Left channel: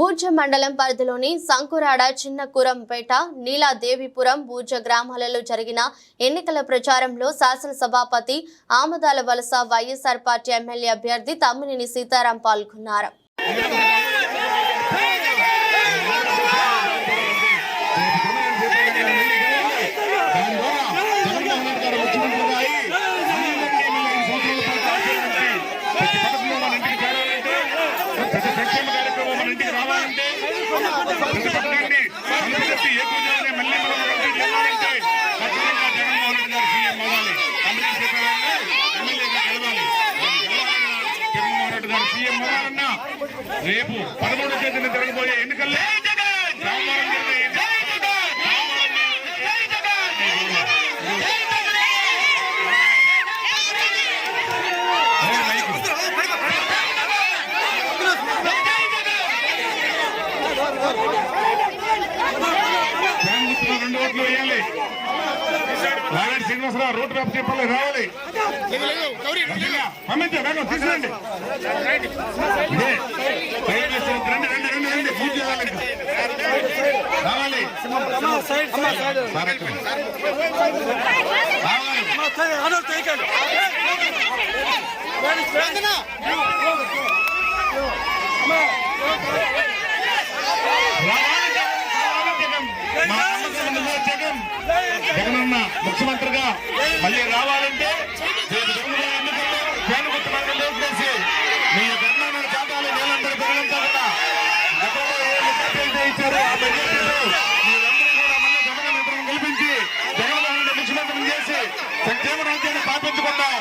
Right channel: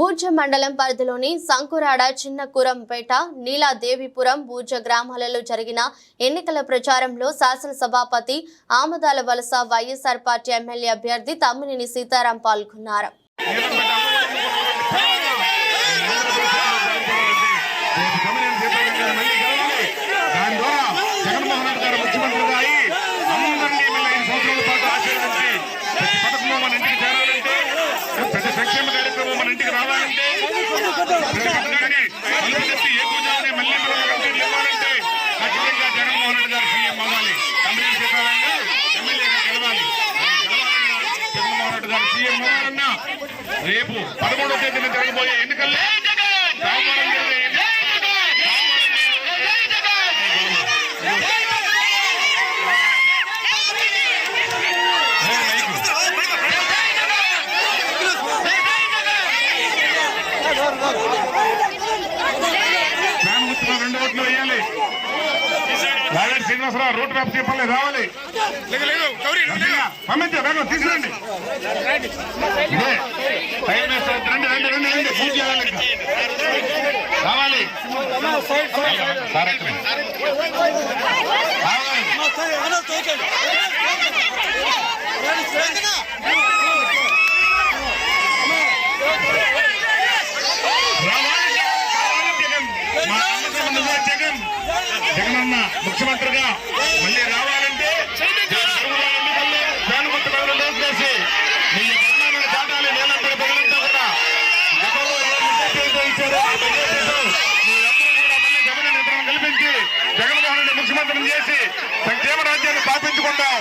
బూర్జ మండలం పరిధిలోని సంకురాడ చిన్నకురంపేట నీలాదేవిపురం బూర్జ గ్రామాలలో జరిగిన ఎన్నికల ప్రచారంలో శాసనసభాపతి ఆమదాల వలస వైఎస్ఆర్ పార్టీ ఎమ్మెల్యే అభ్యర్థి తమ్మినేని సీతారాం పాల్గొన్నారు. ప్రతి సంక్షేమ కార్యక్రమం మన ఇంటికి రావాలంటే ప్రతి పథకాన్ని అనుమతి ఏకూజాలని మళ్ళీ మనం ఇంటికి ఇవ్వాలంటే ఖచ్చితంగా జగన్మోహన్ రెడ్డి గారు సీఎం అవ్వాలి. తమ్మినేని సీతారాం గారు ఎమ్మెల్యేగా గెలవాలి. గెలవాలన్నా జగన్మోహన్ రెడ్డి గారు సీఎం అవ్వాలన్నా రేపు 13వ తేదీన జరగబోయే ఎన్నికల్లో రెండు ఓట్లు వేయాలి. రాజాడి శ్రీనివాసరావు రోడ్డు మ్యాప్ చెప్పాలి రావాలి. పంపించే వేగం తీసుకురండి. ఇదే టైం వేస్ట్ రండి రండి రండి రండి పూజ చేయాలి. ఇంకా రావాలి. జగనన్న ముఖ్యమంత్రిగా మళ్ళీ రావాలంటే ఎన్నికల్లో పేనుగుర్తు కలిసి మీ గర్ణాలను చాటాలి. వేలందరి ప్రజలంతా కూడా గతంలో ఏ ముఖ్యమంత్రి ఇచ్చారో ఆ బడ్జెట్ మీరందరూ కూడా మళ్ళీ జగన్ నిద్రను కల్పించి జగన్మోహన్ రెడ్డి ముఖ్యమంత్రిని చేసి సంక్షేమ రాజ్యాన్ని స్థాపించుకుందాం.